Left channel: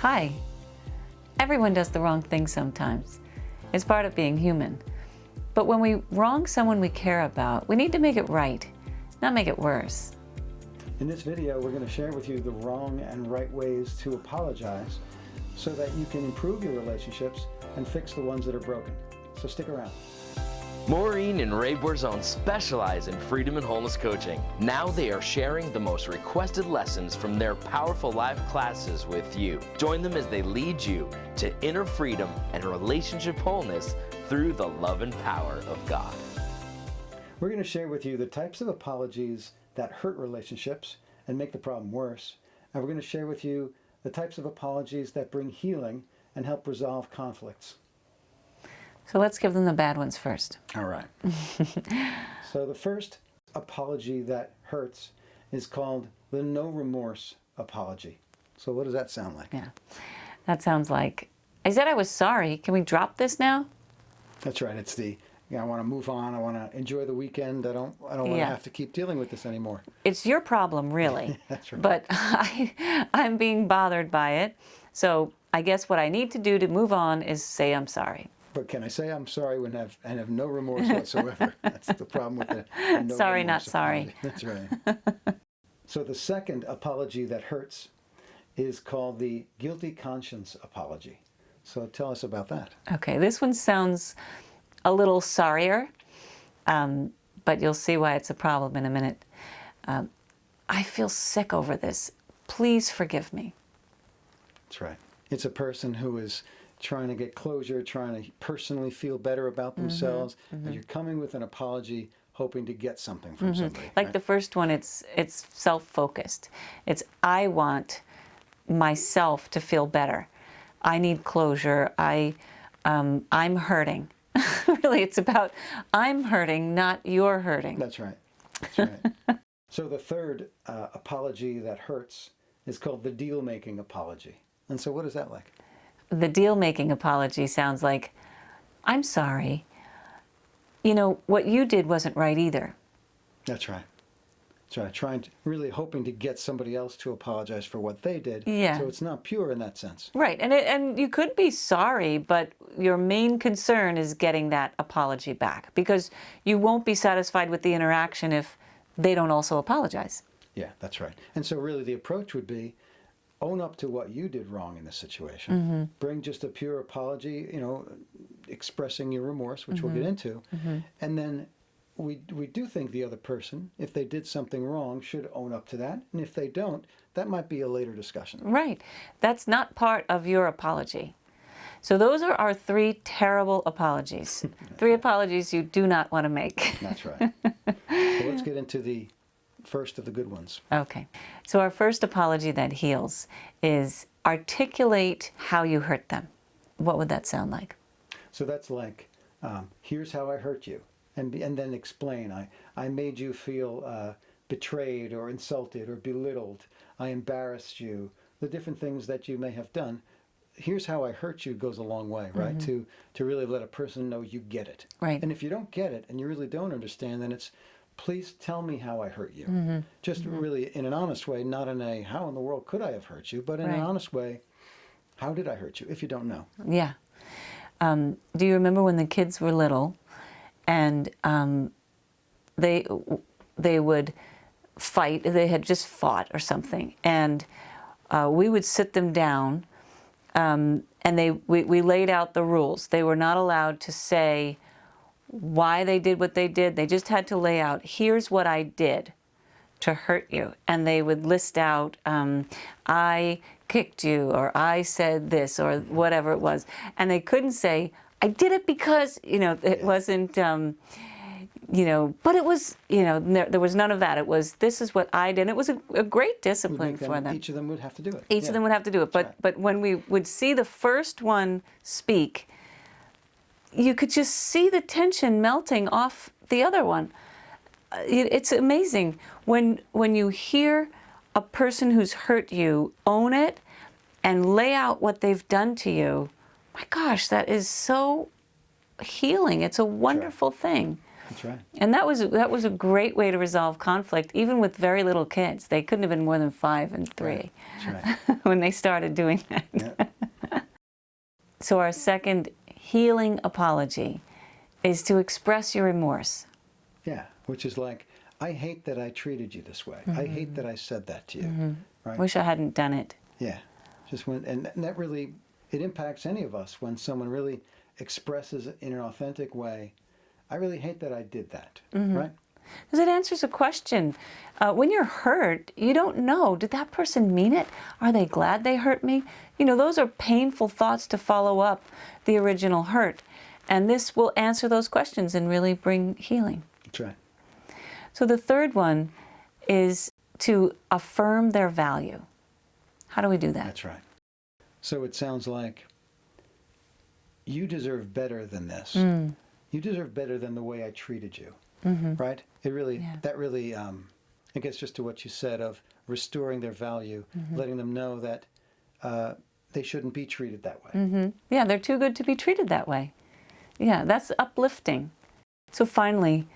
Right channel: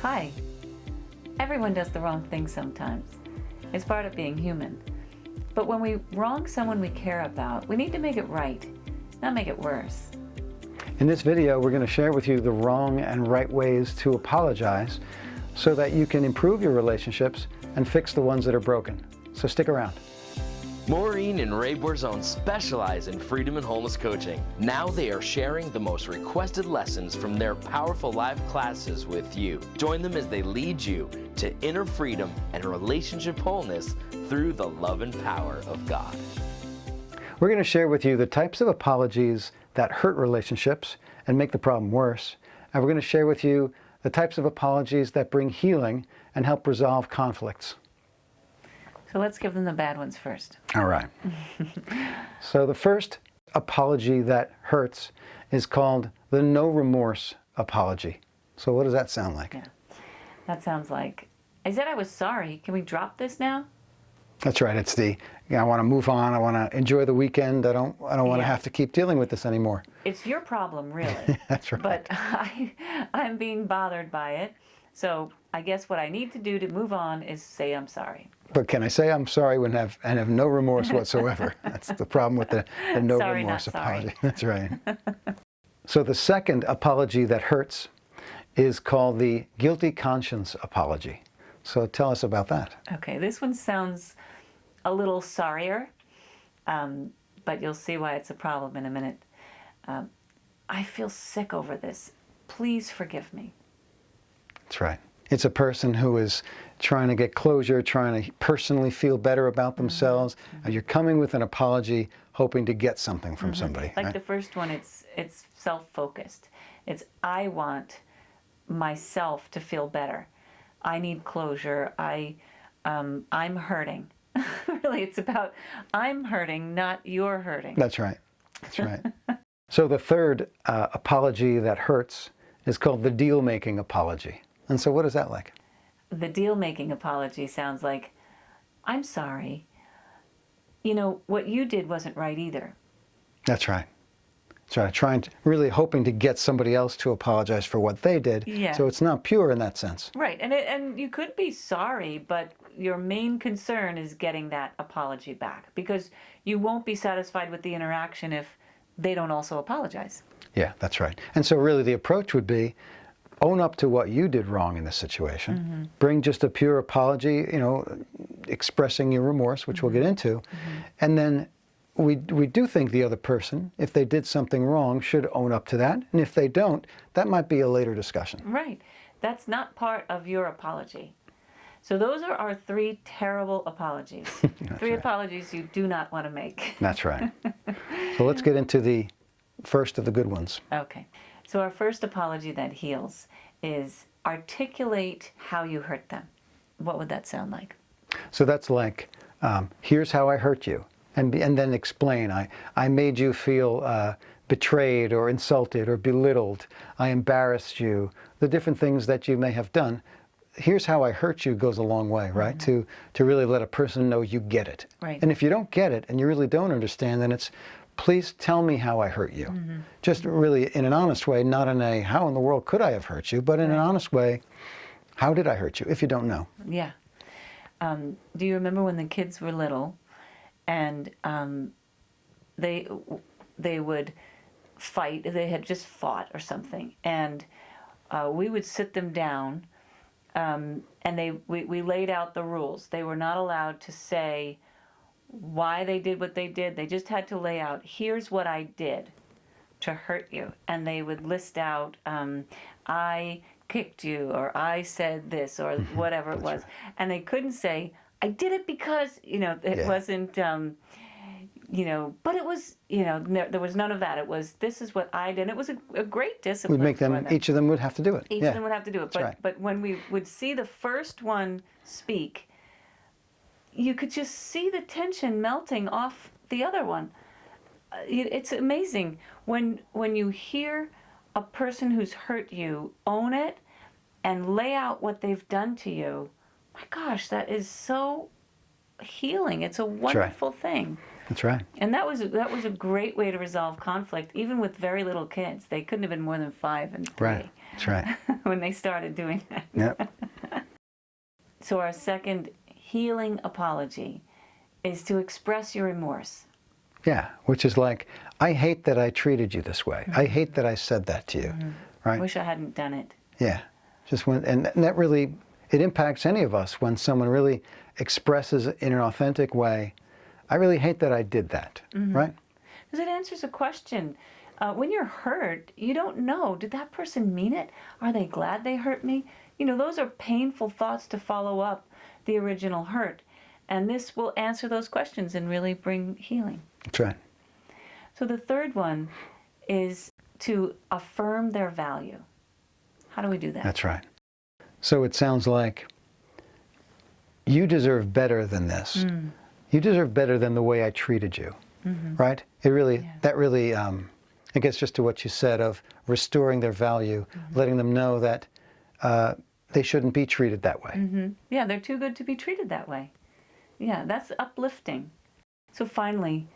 Hi. Everyone does the wrong thing sometimes. It's part of being human. But when we wrong someone we care about, we need to make it right, not make it worse. In this video, we're going to share with you the wrong and right ways to apologize so that you can improve your relationships and fix the ones that are broken. So stick around. Maureen and Ray Borzone specialize in freedom and wholeness coaching. Now they are sharing the most requested lessons from their powerful live classes with you. Join them as they lead you to inner freedom and relationship wholeness through the love and power of God. We're going to share with you the types of apologies that hurt relationships and make the problem worse. And we're going to share with you the types of apologies that bring healing and help resolve conflicts. So let's give them the bad ones first. All right. So the first apology that hurts is called the no remorse apology. So what does that sound like? Yeah. That sounds like, I said I was sorry. Can we drop this now? That's right. It's the, I want to move on. I want to enjoy the weekend. I don't want to have to keep dealing with this anymore. It's your problem, really. That's right. But I'm being bothered by it. So I guess what I need to do to move on is say I'm sorry. But can I say I'm sorry and have no remorse whatsoever? That's the problem with the no sorry, remorse not sorry. apology. That's right. So the second apology that hurts is called the guilty conscience apology. So tell us about that. Okay, this one sounds a little sorrier, but you'll see why it's a problem in a minute. I feel sick over this. Please forgive me. That's right. It's a person who is trying to get closure, trying to personally feel better about themselves, and you're coming with an apology hoping to get something from somebody. Like right? the first one, it's self-focused. It's I want myself to feel better. I need closure. I'm hurting. Really, it's about I'm hurting, not you're hurting. That's right. That's right. So the third apology that hurts is called the deal-making apology. And so what is that like? The deal-making apology sounds like, I'm sorry. You know, what you did wasn't right either. That's right. That's right. Really hoping to get somebody else to apologize for what they did. Yeah. So it's not pure in that sense. Right, and you could be sorry, but your main concern is getting that apology back because you won't be satisfied with the interaction if they don't also apologize. Yeah, that's right. And so really the approach would be own up to what you did wrong in this situation. Bring just a pure apology, you know, expressing your remorse, which we'll get into. And then we do think the other person, if they did something wrong, should own up to that. And if they don't, that might be a later discussion. Right. That's not part of your apology. So those are our three terrible apologies. Three apologies you do not want to make. That's right. Well, let's get into the first of the good ones. Okay. So our first apology that heals is articulate how you hurt them. What would that sound like? So that's like, here's how I hurt you. And then explain, I made you feel betrayed or insulted or belittled. I embarrassed you. The different things that you may have done. Here's how I hurt you goes a long way, right? To really let a person know you get it. Right. And if you don't get it and you really don't understand, then it's, please tell me how I hurt you. Just really in an honest way, not in a, how in the world could I have hurt you, but in an honest way, how did I hurt you, if you don't know? Yeah. Do you remember when the kids were little and they would fight, they had just fought or something, and we would sit them down and we laid out the rules. They were not allowed to say why they did what they did. They just had to lay out, here's what I did to hurt you. And they would list out, I kicked you, or I said this, or whatever it was. And they couldn't say, I did it because, you know, it wasn't, you know, but it was, you know, there was none of that. It was, this is what I did. And it was a great discipline We'd make for them. each of them would have to do it. Each of them would have to do it. But when we would see the first one speak, you could just see the tension melting off the other one. It's amazing when you hear a person who's hurt you own it and lay out what they've done to you. My gosh, that is so healing. It's a wonderful thing. That's right. And that was a great way to resolve conflict, even with very little kids. They couldn't have been more than 5 and 3. Right. That's right. when they started doing that. Yep. So our second healing apology is to express your remorse. Yeah, which is like, I hate that I treated you this way. I hate that I said that to you. Right? Wish I hadn't done it. Yeah. Just when, and that really, it impacts any of us when someone really expresses in an authentic way, I really hate that I did that, right? Because it answers a question. When you're hurt, you don't know, did that person mean it? Are they glad they hurt me? You know, those are painful thoughts to follow up the original hurt. And this will answer those questions and really bring healing. That's right. So the third one is to affirm their value. How do we do that? That's right. So it sounds like you deserve better than this. You deserve better than the way I treated you, right? It really, that really, it gets just to what you said of restoring their value, letting them know that they shouldn't be treated that way. Yeah, they're too good to be treated that way. Yeah, that's uplifting. So finally,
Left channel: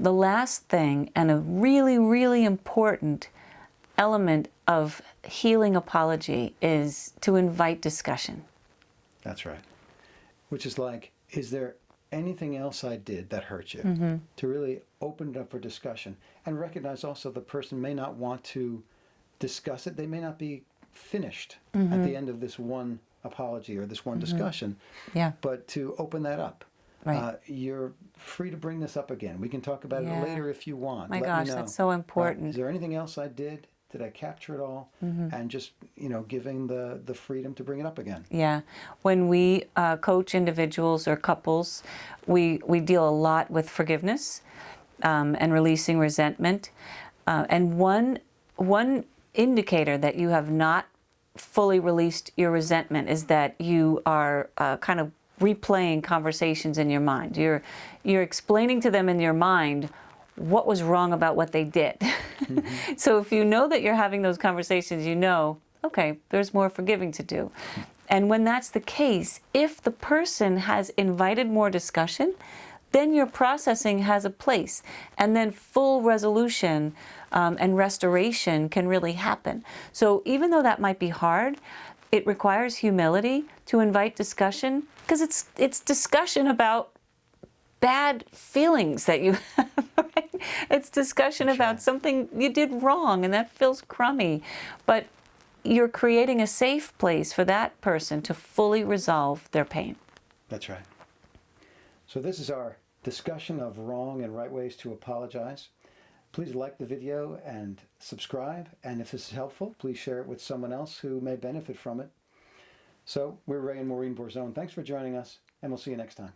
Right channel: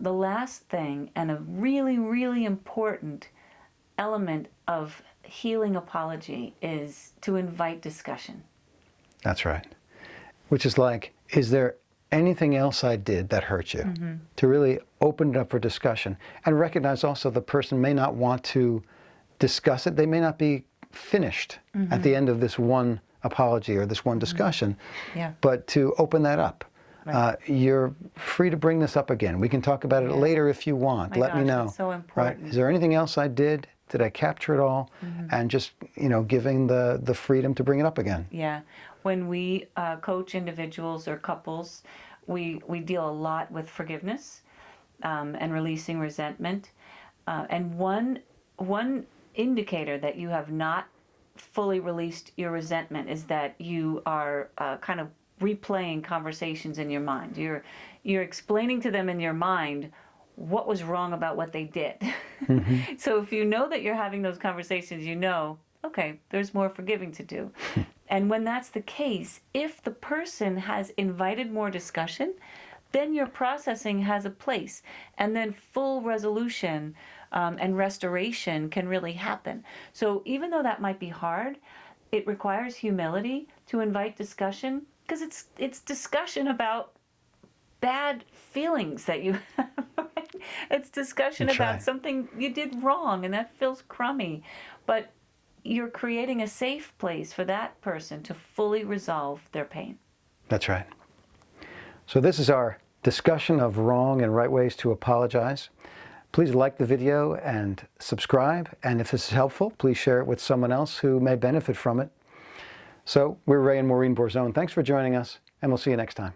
the last thing, and a really, really important element of healing apology, is to invite discussion. That's right. Which is like, is there anything else I did that hurt you? To really open it up for discussion and recognize also the person may not want to discuss it. They may not be finished at the end of this one apology or this one discussion, but to open that up. Right. You're free to bring this up again. We can talk about it later if you want. Let me know. That's so important. Right? Is there anything else I did? Did I capture it all? And just, you know, giving the freedom to bring it up again. Yeah. When we coach individuals or couples, we deal a lot with forgiveness and releasing resentment. And one indicator that you have not fully released your resentment is that you are kind of replaying conversations in your mind. You're explaining to them in your mind what was wrong about what they did. So if you know that you're having those conversations, you know, okay, there's more forgiving to do. And when that's the case, if the person has invited more discussion, then your processing has a place. And then full resolution and restoration can really happen. So even though that might be hard, it requires humility to invite discussion, because it's discussion about bad feelings that you have, right? It's discussion about something you did wrong and that feels crummy. But you're creating a safe place for that person to fully resolve their pain. That's right. So this is our discussion of wrong and right ways to apologize. Please like the video and subscribe. And if this is helpful, please share it with someone else who may benefit from it. So we're Ray and Maureen Borzone. Thanks for joining us, and we'll see you next time.